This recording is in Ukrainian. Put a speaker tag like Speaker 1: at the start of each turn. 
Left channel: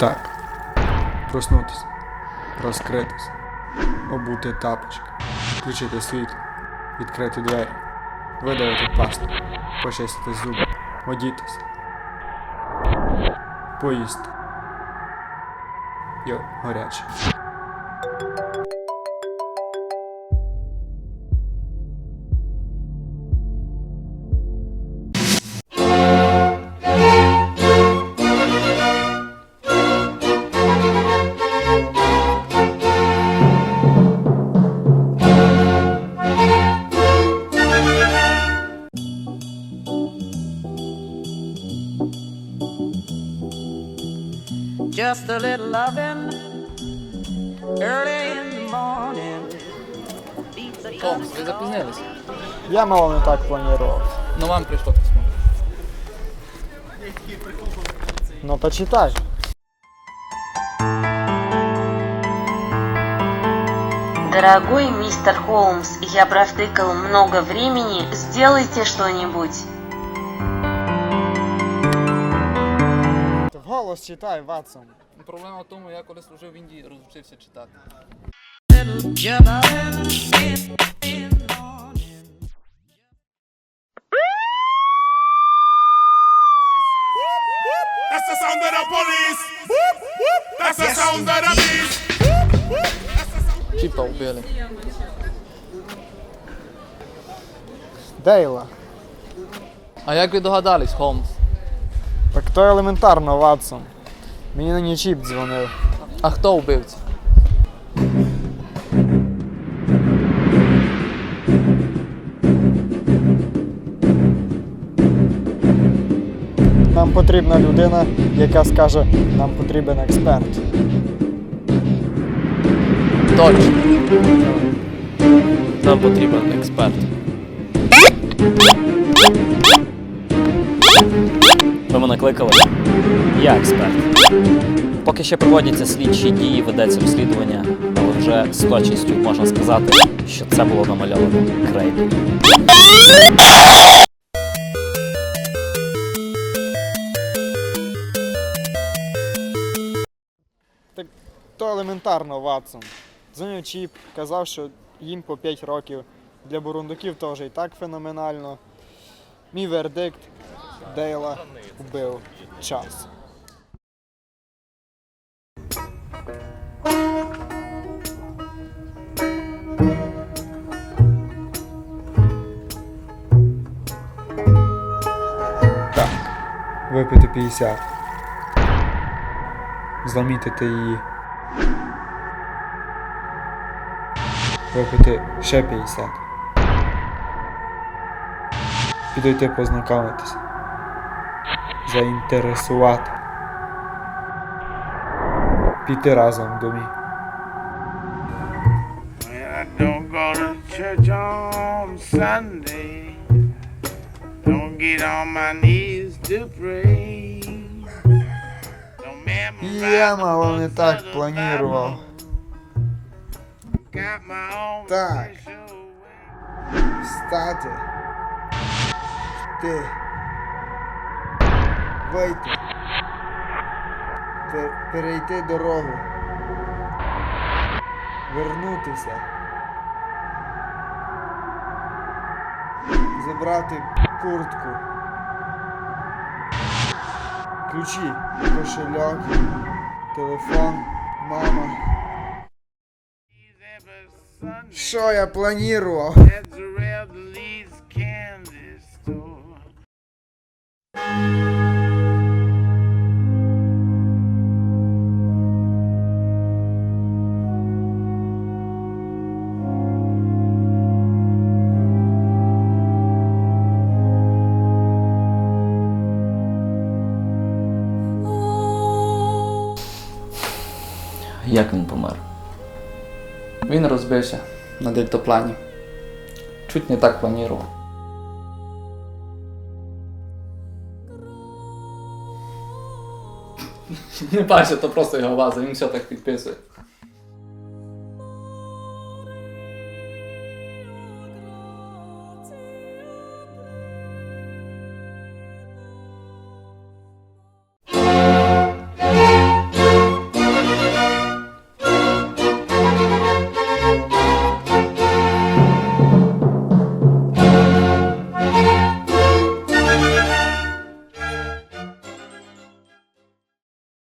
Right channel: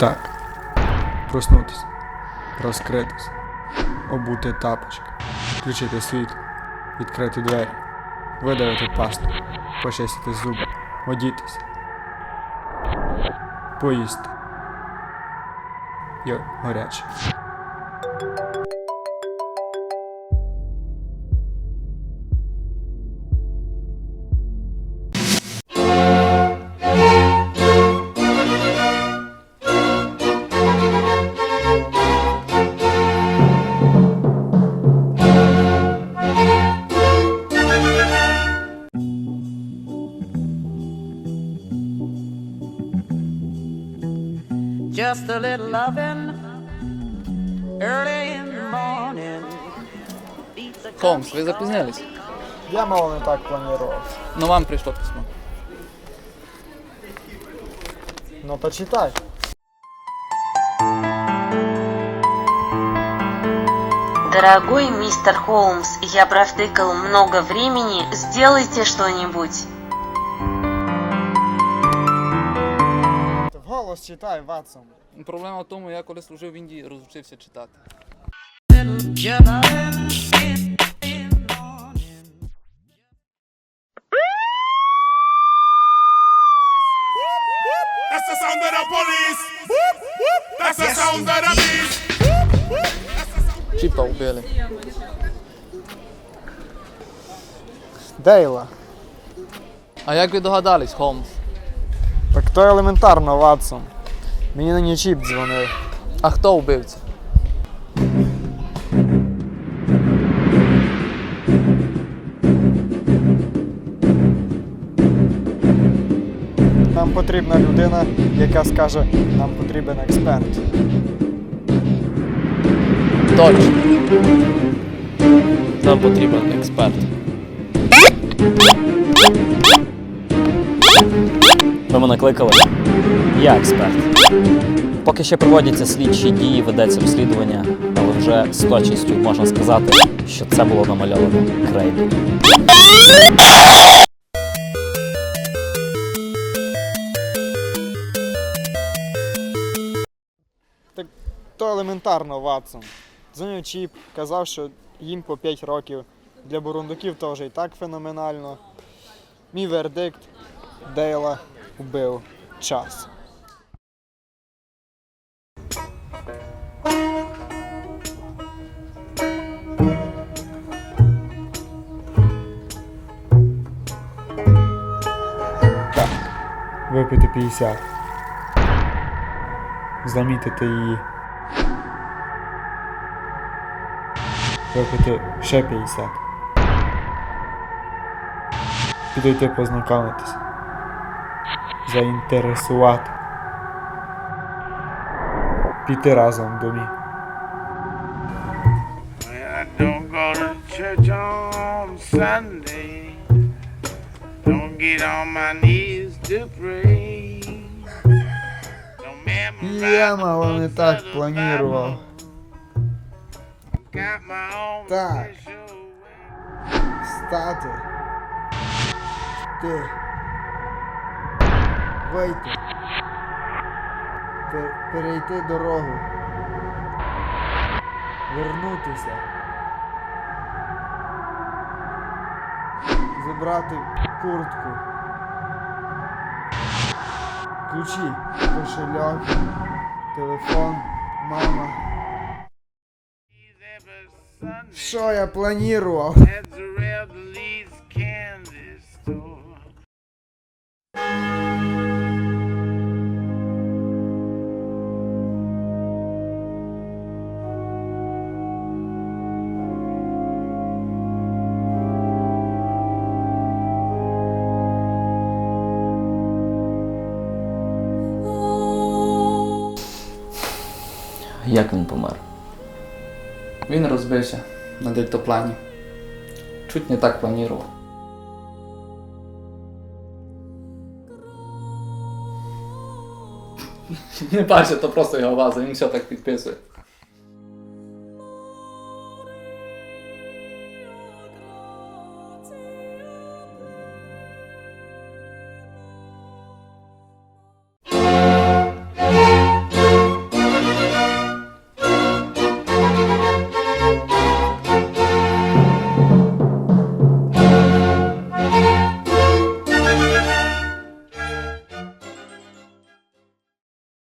Speaker 1: Так. Проснутися. Розкритися. Обути тапочки. Включити світло. Відкрити двері. Видавити пасту. Почистити зуби. Одітися. Поїсти. Йо, гаряче.
Speaker 2: Just a little loving early in the morning.
Speaker 3: Холмс, ви запізнились.
Speaker 4: Я мало не так планував.
Speaker 3: Ну вам прийшло письмо.
Speaker 4: Ну почитай.
Speaker 5: Дорогой мистер Холмс, я провтыкал много времени, сделайте что-нибудь.
Speaker 4: Вголос читай, Ватсон.
Speaker 3: Проблема в тому, я коли служив в Індії, розучився читати. Чіпа вбили.
Speaker 4: Дейла.
Speaker 3: А як ви догадались, Холмс?
Speaker 4: Так то елементарно, Ватсон. Мені на чіп дзвонив.
Speaker 3: А хто вбивця?
Speaker 4: Нам потрібна людина, яка скаже, нам потрібен експерт.
Speaker 3: Точно.
Speaker 6: Нам потрібен експерт. Ви мене кликали? Я експерт. Поки ще проводяться слідчі дії, ведеться розслідування, але вже з точністю можна сказати, що це було намальовано крейдою.
Speaker 4: Так то елементарно, Ватсон. Дзвонив чіп, казав, що їм по 5 років. Для бурундуків то вже і так феноменально. Мій вердикт Дейла вбив час.
Speaker 1: Випити 50. Замітити її. Випити ще 50. Підійти познайомитися. Заінтересувати. Піти разом в домі.
Speaker 7: I don't go to church on Sunday. Don't get on my knees to pray. Don't memorize
Speaker 4: Я мало не так
Speaker 7: own
Speaker 4: Так. Встати. Ти. Вийти. Перейти дорогу. Вернутися. Забрати куртку. Ключі, кошельок, телефон, мама. Що я планував?
Speaker 7: at the
Speaker 6: Як він помер?
Speaker 3: Він розбився на дельтаплані. Чуть не так планував. Не бачите, то просто його ваза, він все так підписує.